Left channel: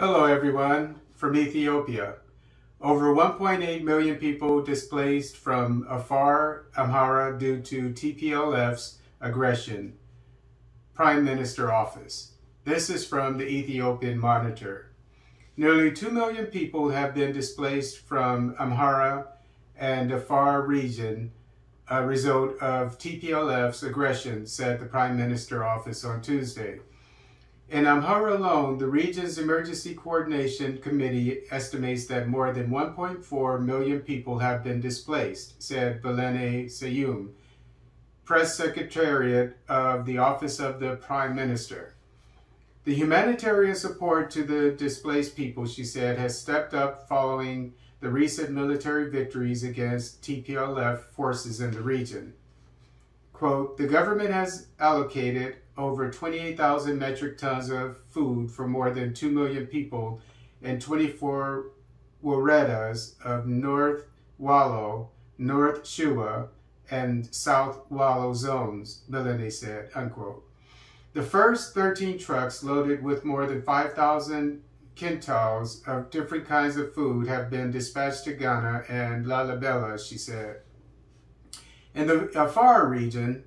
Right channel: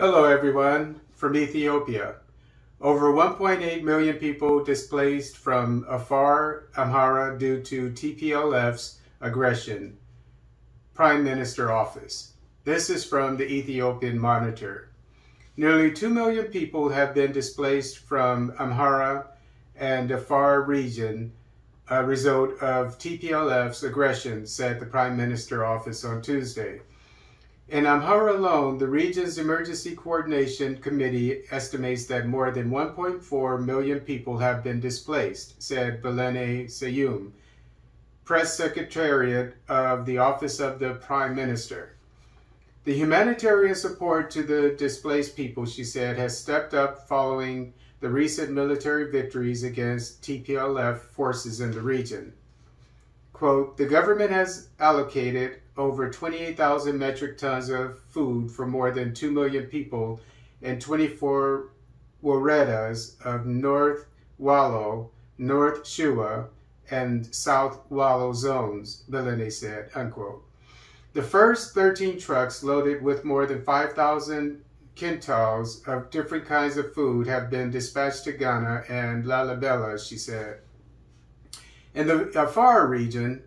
Hello everyone, from Ethiopia. Over 1.8 million people displaced from Afar, Amhara due to TPLF's aggression. Prime Minister Office. This is from the Ethiopian Monitor. Nearly 2 million people have been displaced from Amhara and Afar region, a result of TPLF's aggression, said the Prime Minister Office on Tuesday. In Amhara alone, the region's Emergency Coordination Committee estimates that more than 1.4 million people have been displaced, said Belene Seyum, Press Secretariat of the Office of the Prime Minister. The humanitarian support to the displaced people, she said, has stepped up following the recent military victories against TPLF forces in the region. Quote, the government has allocated over 28,000 metric tons of food for more than 2 million people in 24 woredas of North Wallo, North Shua, and South Wallo zones, Belene said, unquote. The first 13 trucks loaded with more than 5,000 quintals of different kinds of food have been dispatched to Ghana and Lalibela, she said. In the Afar region,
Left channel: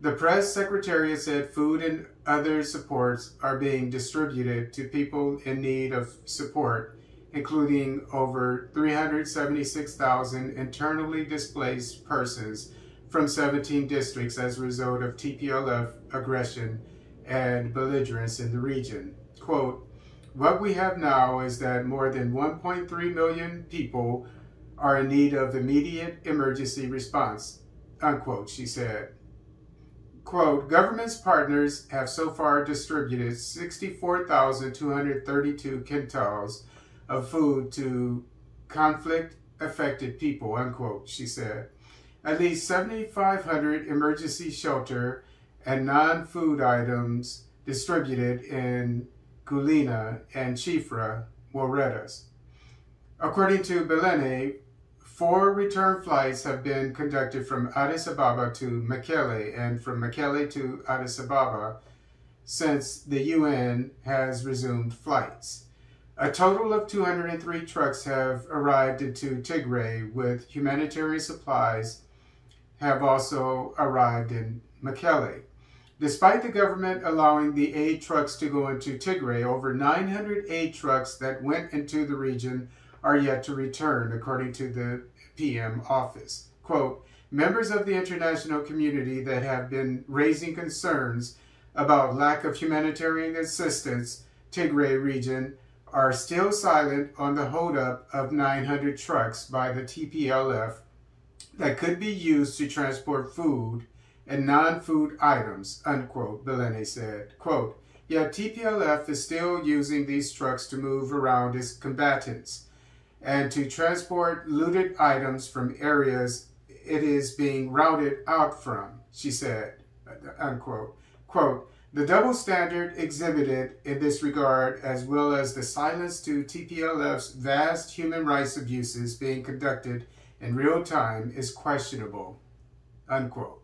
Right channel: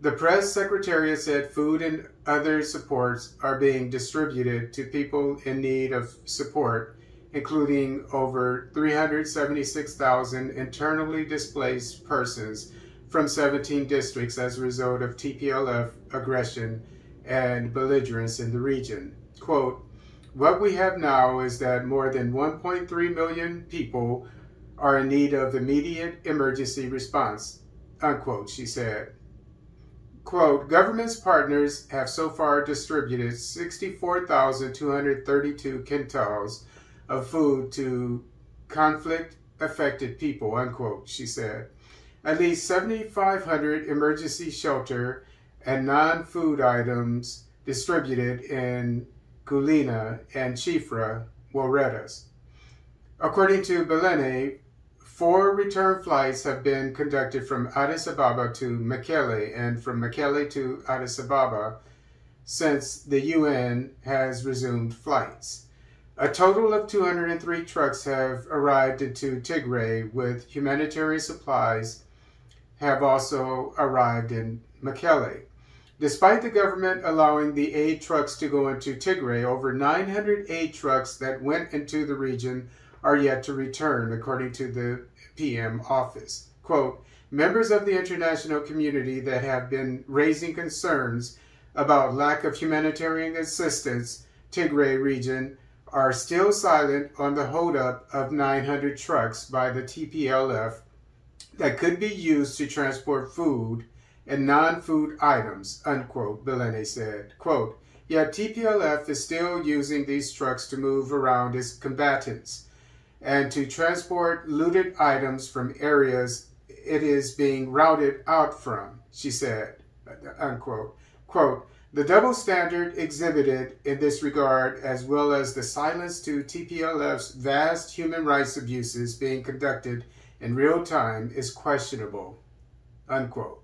the press secretariat said food and other supports are being distributed to people in need of support, including over 376,000 internally displaced persons from 17 districts as a result of TPLF aggression and belligerence in the region. Quote, what we have now is that more than 1.3 million people are in need of immediate emergency response, unquote, she said. Quote, government's partners have so far distributed 64,232 quintals of food to conflict-affected people, unquote, she said. At least 7,500 emergency shelter and non-food items distributed in Gulina and Chifra woredas. According to Belene, 4 return flights have been conducted from Addis Ababa to Mekelle and from Mekelle to Addis Ababa since the UN has resumed flights. A total of 203 trucks have arrived into Tigray, with humanitarian supplies have also arrived in Mekelle. Despite the government allowing the aid trucks to go into Tigray, over 900 aid trucks that went into the region are yet to return, according to the PM office. Quote, members of the international community that have been raising concerns about lack of humanitarian assistance Tigray region are still silent on the holdup of 900 trucks by the TPLF that could be used to transport food and non-food items, unquote, Belene said. Quote, yet TPLF is still using these trucks to move around its combatants and to transport looted items from areas it is being routed out from, she said, unquote. Quote, the double standard exhibited in this regard, as well as the silence to TPLF's vast human rights abuses being conducted in real time, is questionable, unquote.